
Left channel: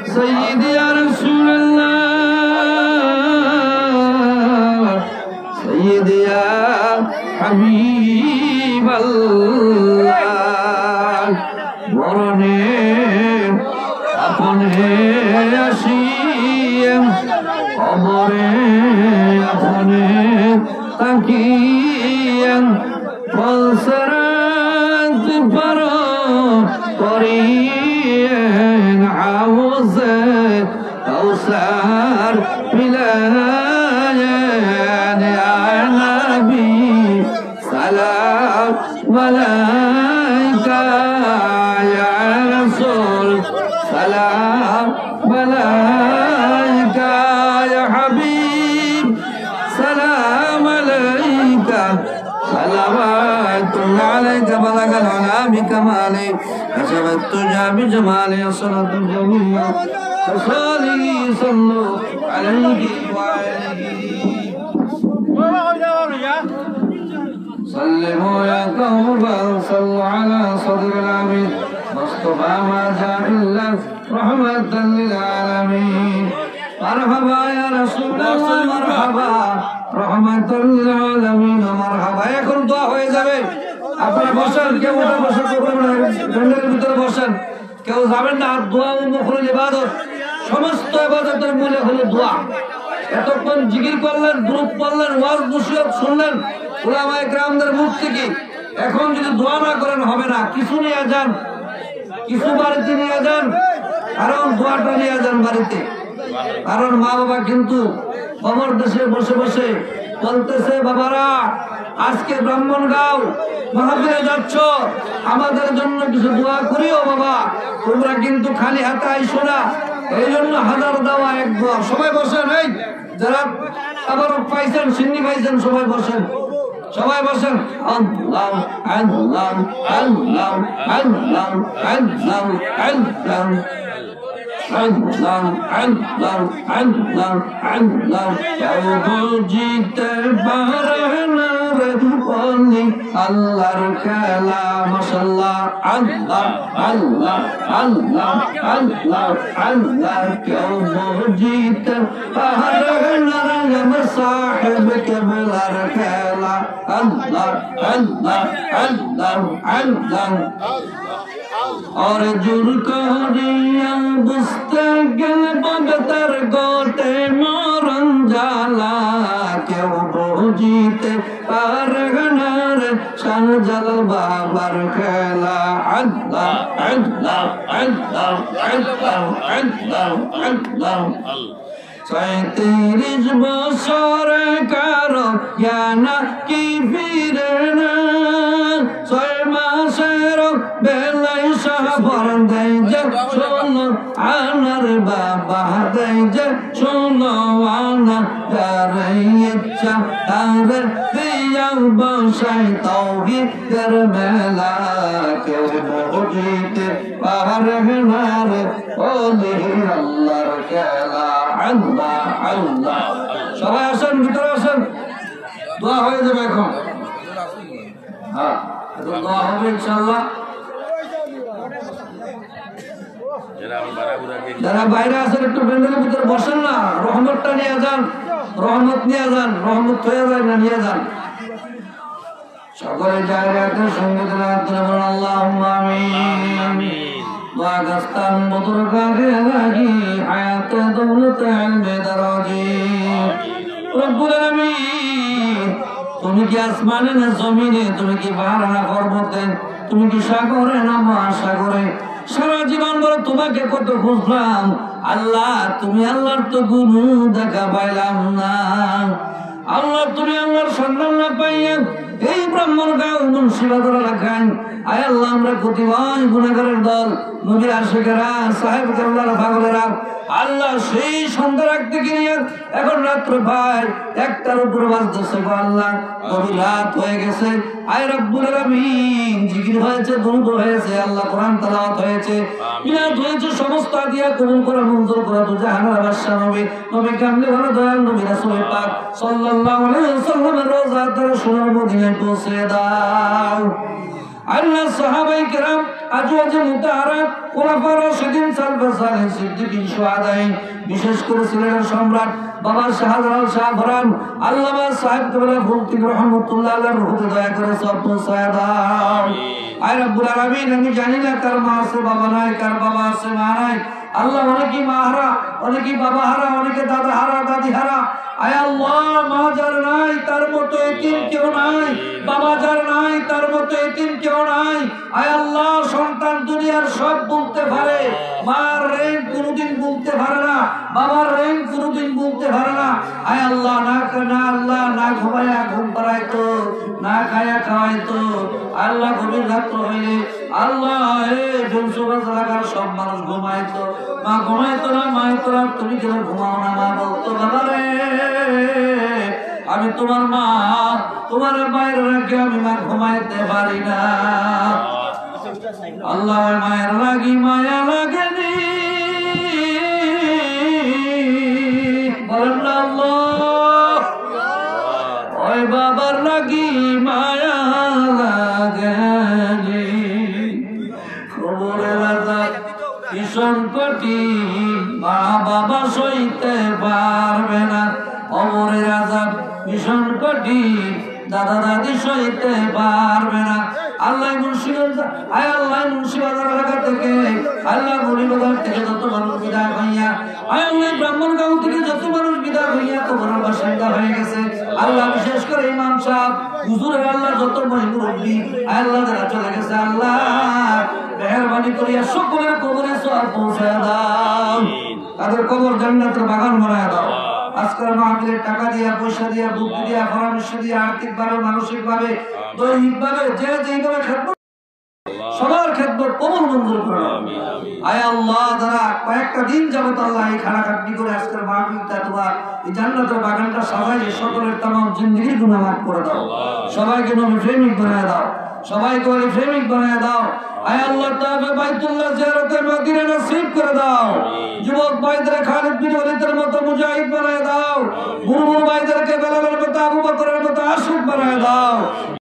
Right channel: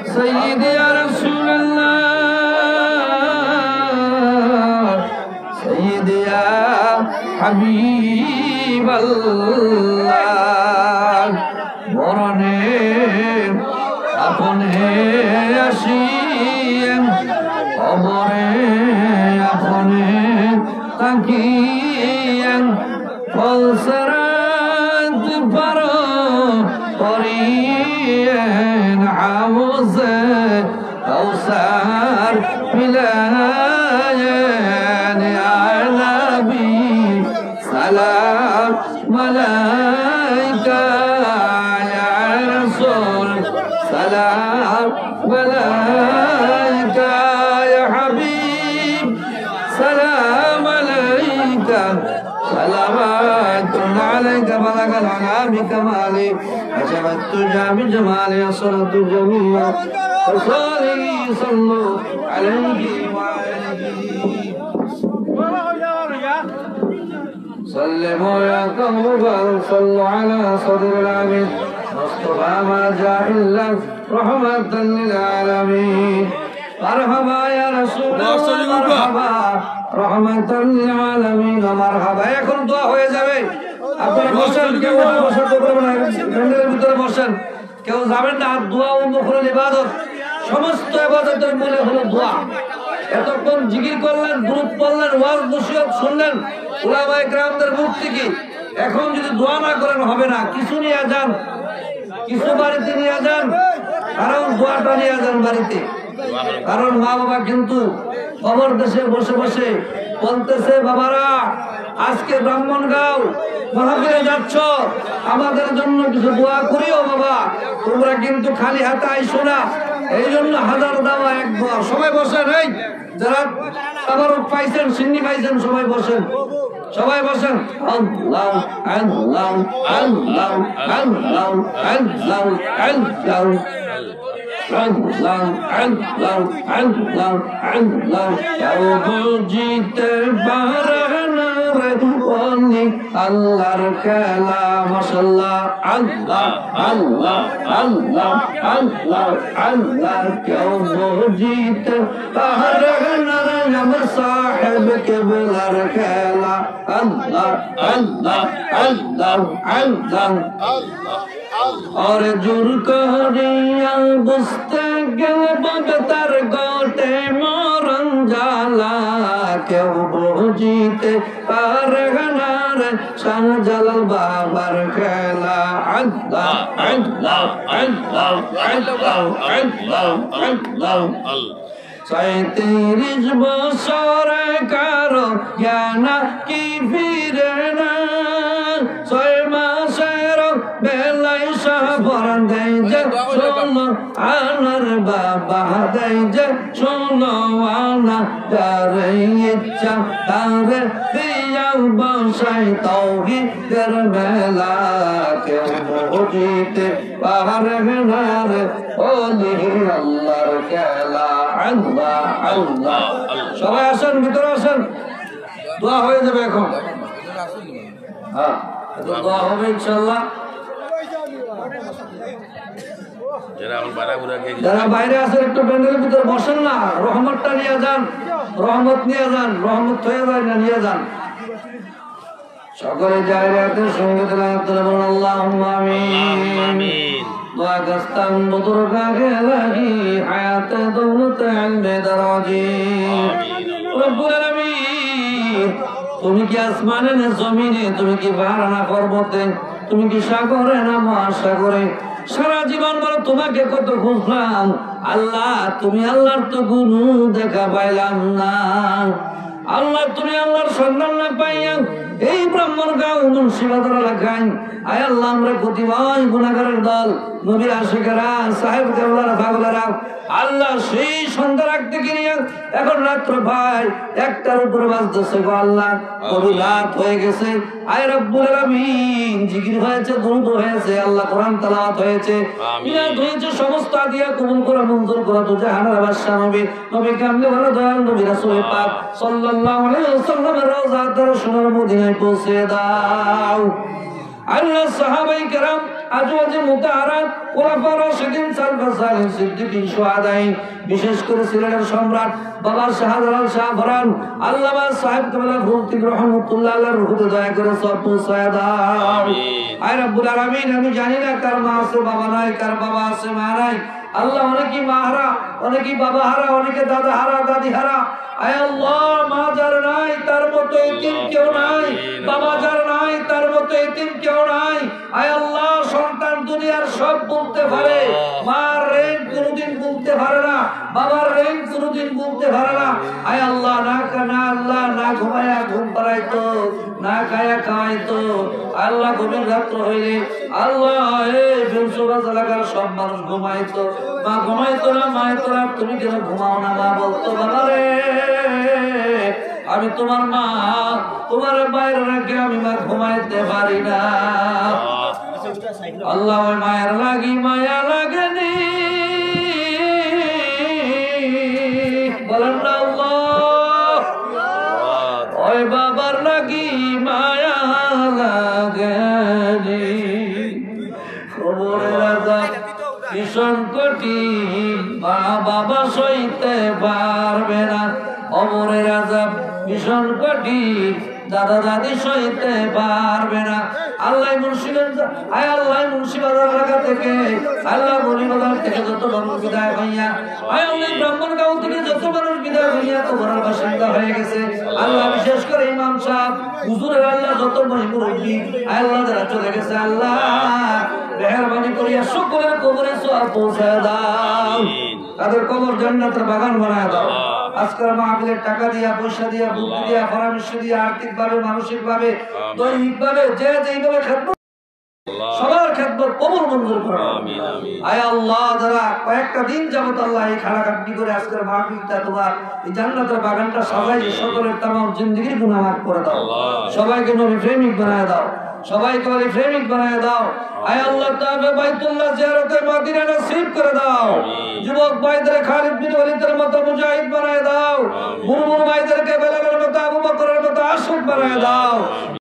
سيدي يا رسول الله سيدي يا حبيب الله মরণে আপনে আসিয়েন কবরে আপনে তাকিয়েন পলসরাত পারো করিয়েন হাউজে কাউসার মিলায়েন ইয়া নবী সালাম আলাইকা ইয়া রাসূল সালাম আলাইকা ইয়া হাবিব সালাম আলাইকা صلوات عليك بلغ العلا بكماله أشرت التجا بجماله أصلت الجميع فصالي صلوا عليه وآله سلموا يا قوم صلوا على صدر العبيد مصطفى ما جاء إلا رحمة للعالمين مرحبا يا رسول الله مرحبا রহমাতাল লিল আলামিন মারহাবা এখন দোয়া হয়ে যাবে আপনারা বসেন কেউ উঠে বসার প্রবলেম নাই প্যান্ডেলের ভিতরে বসেন কেউ যাবেন না দোয়া ও মুখরুল ইবাদত সমস্ত ইবাদতের মূলে হলো দোয়া এতক্ষণ জিকির করলেন দুরূদ পড়লেন ওয়াজ নসিহত শুনলেন উলামায়ে কেরামদের মুখ থেকে এখন যদি দোয়া না করেন হবে না কিছু নিয়ে যান কিছু বাড়িতে নিয়ে যান কারণ দোয়াটা নিয়ে যান বাড়িতে কারণ মা বাবা কিন্তু খবর দেশে বসে বসে বলতেছে বাবারা আজকে ব্রাহ্মণগাঁও মাহফিলে যাচ্ছ আমাদের জন্য কিছু দোয়া করিও বাবা তোমরা কিন্তু খালি হাতে আইসো না এই জন্য হাজার দেওয়া এক দোয়া সবাই বসেন এই যারা আবার পাইছেন সিন্নি পাইছেন সবাই বসেন সবাই বসেন আল্লাহ আল্লাহ আল্লাহ আল্লাহ আল্লাহ আল্লাহ জিতে পারে না রে অলি আল্লাহর খেলা মাশাআল্লাহ আল্লাহ আল্লাহ আল্লাহ আল্লাহ আল্লাহ কেউ জিতে পারে না রে আমার সাহেব কেবলার খেলা আল্লাহ আল্লাহ আল্লাহ আল্লাহ और जुर करिया बुझते गल बगतर गोटे मोरन जाला क्यों बुझीते पार गनार शान जलाल बाबर खेला अल्लाह अल्लाह अल्लाह अल्लाह अल्लाह अल्लाह ৩৭ বছর কারো জ্ঞানা কি ফিরে না ৬ মাসের বেলায় সাবর দেয় যে শোনো আনার বাবা দেয় যে শোনো আনা তার ইচ্ছা তার দিয়া বসাই তাওহীদের মেলা কেউ বুঝিতে পারে না রে ওলি আল্লাহর খেলা আল্লাহ আল্লাহ সবাই আসেন ভিতরে আসেন দোয়া হয়ে যাবে এখন হ্যাঁ দোয়া হবে ইনশাআল্লাহ যারা বাইরে আছেন একটু প্যান্ডেলের ভিতরে বসেন না রহমতটা নিয়ে যান রহমত নিয়ে যান রহমত হয়ে যায় না নিয়ে যান সকলে জায়গাতে সঙ্গে বলুন আল্লাহুম্মা আমিন ওয়াগস্তান বুদুরগাহে লাগি হায়াতে দৌলতে ইলমে দরাজি রব্বুল আলামিন তুমি কি আসমানে না জমিনে তুমি কি পাহাড় না পর্বতে তুমি কি সাগরে না মহাসাগরে? সারা জীবন বলো তোমাকে কত খুঁজলাম আল্লাহ, তুমি আল্লাহর তো গুরু দেখা পাইলাম না। আল্লাহ তুমি আল্লাহর সন্ধান না পাইয়া এই ব্রাহ্মণগাঁও মুন্সিবাজার এলাকায় আয় আল্লাহ আমরা কতিপয় গুনাহগারের দল, নবী আশিকেরা, সাহেব কেবলারা, পাগলেরা আল্লাহ সেই সন্ধ্যা রাখতে গিয়ে এখন রাত্র ভাই 1টার উপরে বাজতেছে গো আল্লাহ, গভীর রাত হয়ে গেছে। আয় রব্বুল আলামিন জিকির হয়েছে, দুরূদ হয়েছে, আল্লাহ কোরআন তেলাওয়াত হয়েছে, মিলাদ হয়েছে, সমস্ত আদিয়া কবুল করে মঞ্জুর করে তো জাহানের বাদশা নবী কামলে ভালো দয়াল নবী রাসূল পাক সাল্লাল্লাহু আলাইহি ওয়াসাল্লামের রওজা দর্শনের মদিনায় পৌঁছে দাও। আল্লাহ সাহাবায়ে কেরাম, আজওয়াজে মুতাহারাত, খুলাফা রাশিদিন, সালফা সালিহিন, সিদ্দিকিন, শুহাদায়ে, বিশেষ করে সিলেটের সম্রাট বাবা শাহজালাল শাহ ফরান আল্লামা সাহেব কেবলা ফকিহ রহমাতুল্লাহ আলাইহির রূহে দয়া করে সব পৌঁছায় দাও। আয় রব্বুল আলামিন, আমি জানি না কার মা আছে বাবা নাই, কার বাবা আছে মা নাই। আল্লাহ অনেকেই মা হারা, অনেকেই বাবা হারা, অনেকে দাদা হারা, দাদি হারা। আয় আল্লাহ, মা যার নাই তার মতো এতিম কেউ নাই, বাবা যার নাই তার মতো এতিম কেউ নাই। আয় আল্লাহ, সন্তান দুনিয়ার সব বলতে পারে, মার রেঞ্জ কোনোদিন বলতে পারে না, বাবার রেঞ্জ কোনোদিন বলতে পারে না। আয় আল্লাহ, না ঘুমায়া ঘুম পাড়াইতো, না খায়া খাওয়াইতো। আল্লাহ গভীর রাত্র হইলে আল্লাহ জনসুরাজ এলাকার সব মানুষ ঘুমাইতো, মা ঘুমাইতো না, মাইতো না, তুমি কেন ঘুমাও না? মা বলতো বাবা রে আমি তোমার মা, তোমার বাইরে রেখে আমি মা ঘুমাইতে পারি না। আল্লাহ মায়ের লাগি মায়া লাগেনি, বলেন না আল্লাহ। ওই বাবার লাগি মায়া লাগেনি, খবরের আজাব ভীষণ কঠিন, মা বাবা সইতে পারবে না। অমরের আজাব ভীষণ কঠিন, দাদা দাদি সইতে পারবে না। আল্লাহ মুন্সিগঞ্জ, আয় আল্লাহ মুন্সিবাজার এলাকা থেকে, আল্লাহ মনিবাজার থেকে যত মানুষ বিদায় হইয়া, আয় আল্লাহ ব্রাহ্মণগাঁও থেকে যত মানুষ বিদায় হইয়া কবরের বাসিন্দা হয়ে গেছে, আল্লাহ বিশেষ করে ইমাম সাহেব হুজুরের আল্লাহ যত মুরব্বী আয় আল্লাহ যারা চলে গেছে, আল্লাহ মেহরবানি করিয়া সকলের কবরে সওয়াব পৌঁছায় দাও, তাদের কবর জান্নাতের বাগান বানায় দাও। আজকের মাহফিলের টাকা দিয়া, পয়সা দিয়া, বুদ্ধি দিয়া, পরামর্শ দিয়া, আর্থিক ভাবে, মানসিক ভাবে, দৈহিক ভাবে যে যেভাবে খেদমত, সবার খেদমত কবুল মঞ্জুর করো। আয় আল্লাহ, যারা কয়েকটা দিন যাবত আল্লাহ এই খাটাখাটনি করে আজকের মাহফিলটা তোমার এই জান্নাতের বাগানটা সাজাই, সকলের তামাম জিন্দেগির গুনাহ মাফ করে দাও, সবাইকে নবী প্রেমিক বানায় দাও, সবাইকে নবী প্রেমিক বানায় দাও। আয় আল্লাহ, তাআলা বাইতুল্লাহ জিয়ারতের মদিনা নসিব করে দাও। যুবক ভাইদের খালিদ বিন ওয়ালিদের মতো মুজাহিদ বানায় দাও, বুড়ো ভাইদেরকে বেলালের মতো, আবু বকরের মতো আশিক বানায় দাও।